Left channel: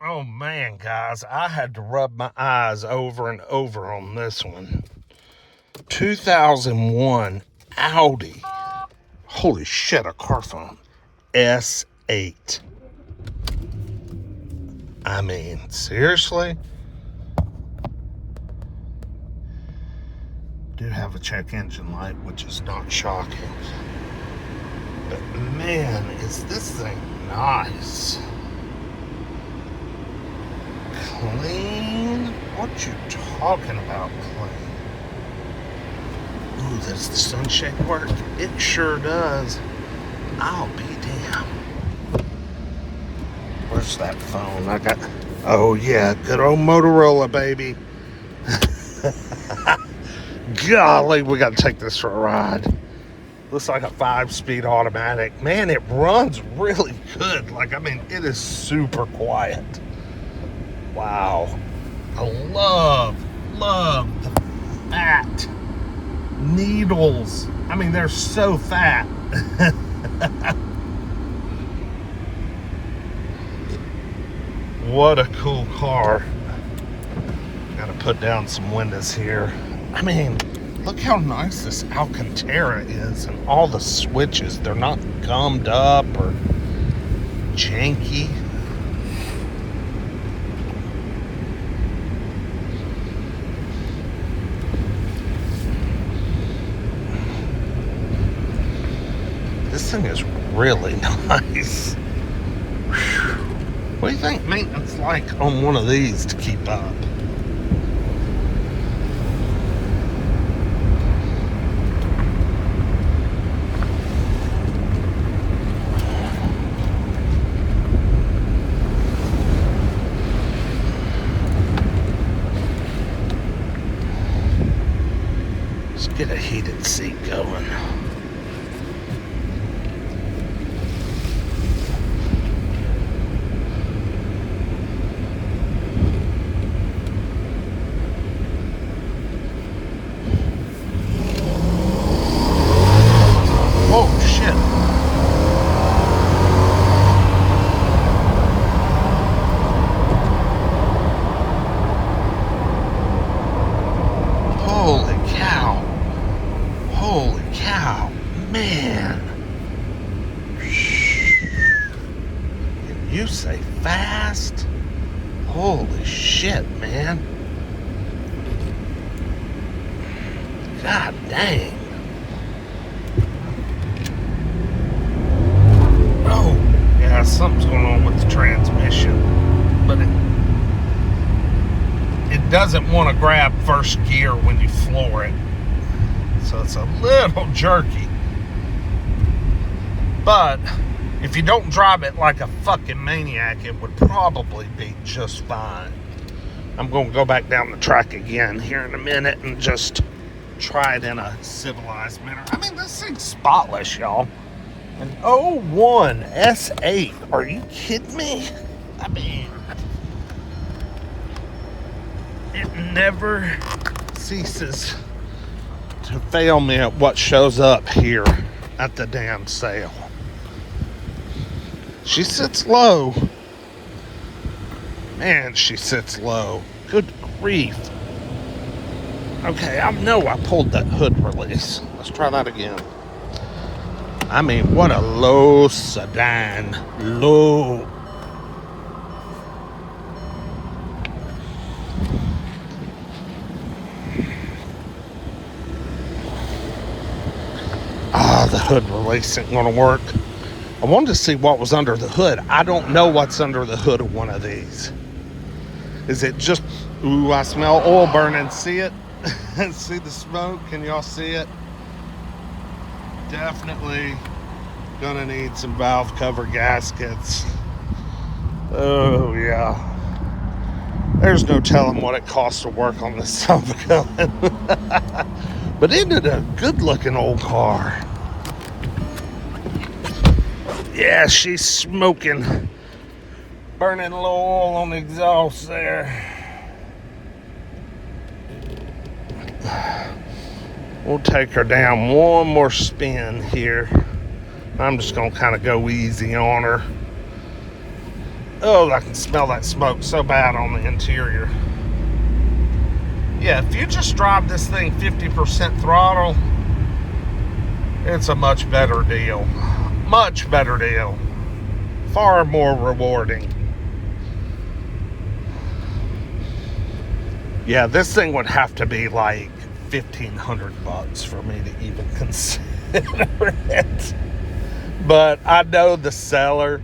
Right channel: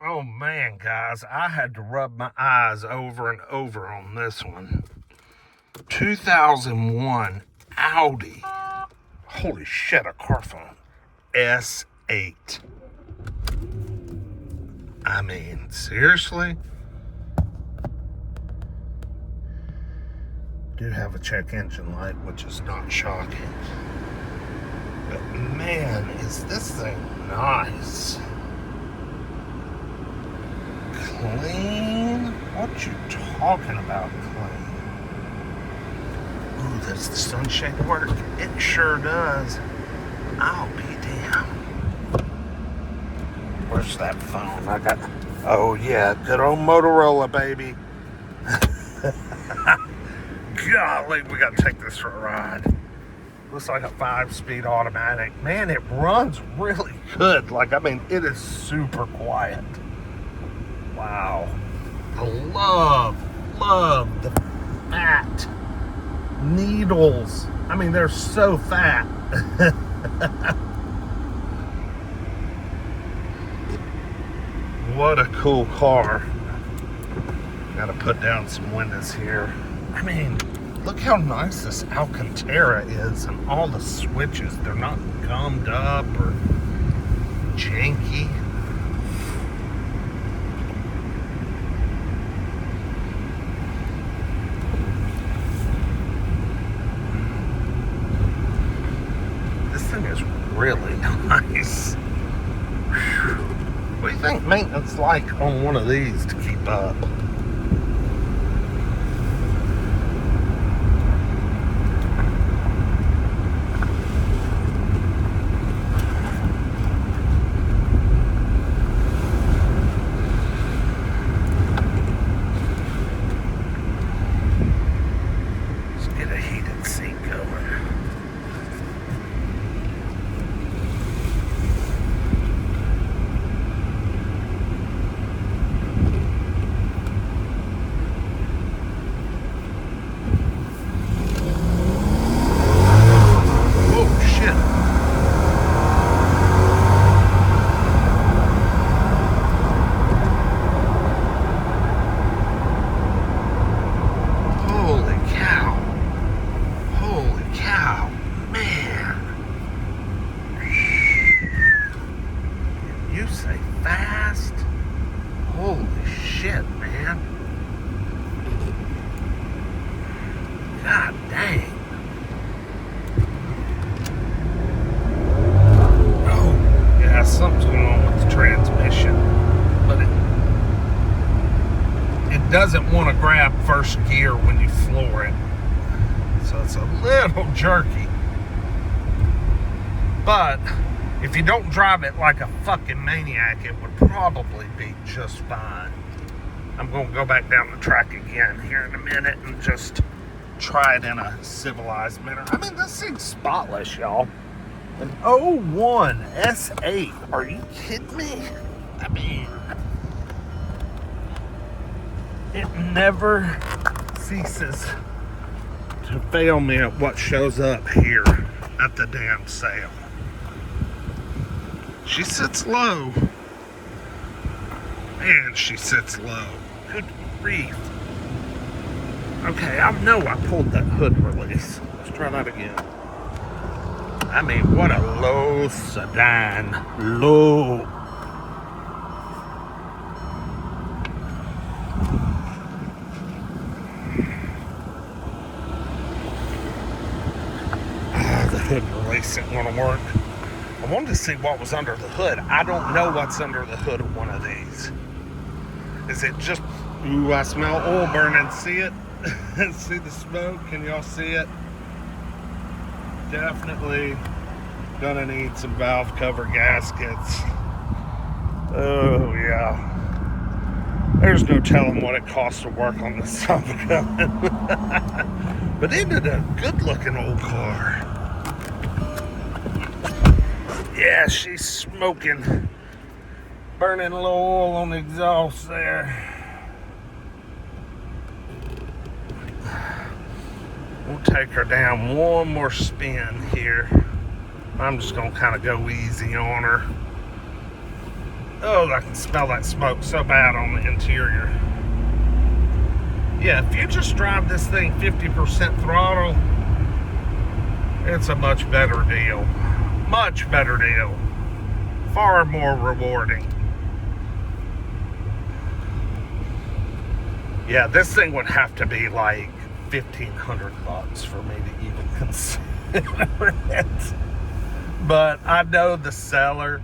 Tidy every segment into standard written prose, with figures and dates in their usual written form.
Oh man, guys, I had to rub my eyes over and over on this one. 2001 Audi. Holy shit, a car phone. S8. I mean, seriously? Do have a check engine light, which is not shocking. But man, is this thing nice. Clean? What you talking about, clean? Ooh, does the sunshade work? It sure does. I'll be damned. Where's that phone? I got. Oh yeah, good old Motorola, baby. Golly, we gotta take this for a ride. Looks like a 5-speed automatic. Man, it runs really good. Like, I mean, it is super quiet. Wow. I love the fat needles. I mean, they're so fat. What a cool car. Gotta put down some windows here. I mean, look how nice this Alcantara is, and all the switches. They're not gummed up or janky. This thing is really nice. What do you think maintenance like on one of these to keep up? Let's get a heated seat going. You say fast? Holy shit, man. God dang. Oh, yeah, something's going on with the transmission. But it doesn't want to grab first gear when you floor it. So it's a little jerky. But if you don't drive it like a fucking maniac, it would probably be just fine. I'm going to go back down the track again here in a minute and just try it in a civilized manner. I mean, this thing's spotless, y'all. An 01 S8. Are you kidding me? I mean, it never ceases to fail me at what shows up here at the damn sale. She sits low. Man, she sits low. Good grief. Okay, I know I pulled that hood release. Let's try that again. I mean, what a low sedan. Low. The hood release isn't going to work. I wanted to see what was under the hood. I don't know what's under the hood of one of these. Is it just, ooh, I smell oil burning. See it? See the smoke? Can y'all see it? Definitely gonna need some valve cover gaskets. Oh, yeah. There's no telling what it costs to work on this son of a gun. But isn't it a good looking old car? Yeah, she's smoking. Burning low oil on the exhaust there. We'll take her down one more spin here. I'm just gonna kind of go easy on her. Oh, I can smell that smoke so bad on the interior. Yeah, if you just drive this thing 50% throttle, it's a much better deal. Much better deal. Far more rewarding. Yeah, this thing would have to be like $1,500 for me to even consider it. But I know the seller,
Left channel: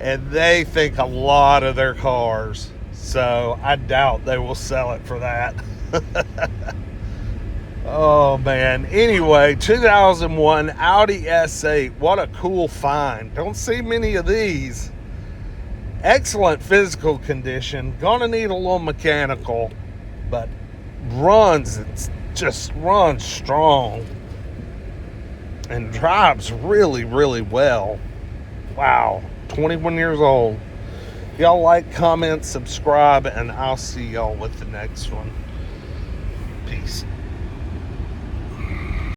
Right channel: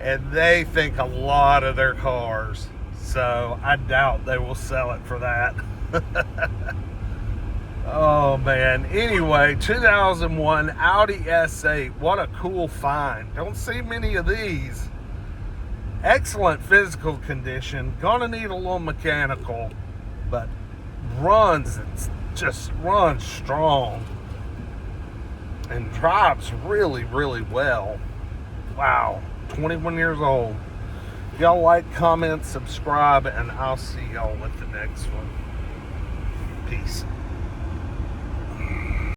and they think a lot of their cars, so I doubt they will sell it for that. Oh man. Anyway, 2001 Audi S8. What a cool find. Don't see many of these. Excellent physical condition. Gonna need a little mechanical, but just runs strong and drives really, really well. Wow. 21 years old. If y'all like, comment, subscribe, and I'll see y'all with the next one. Peace.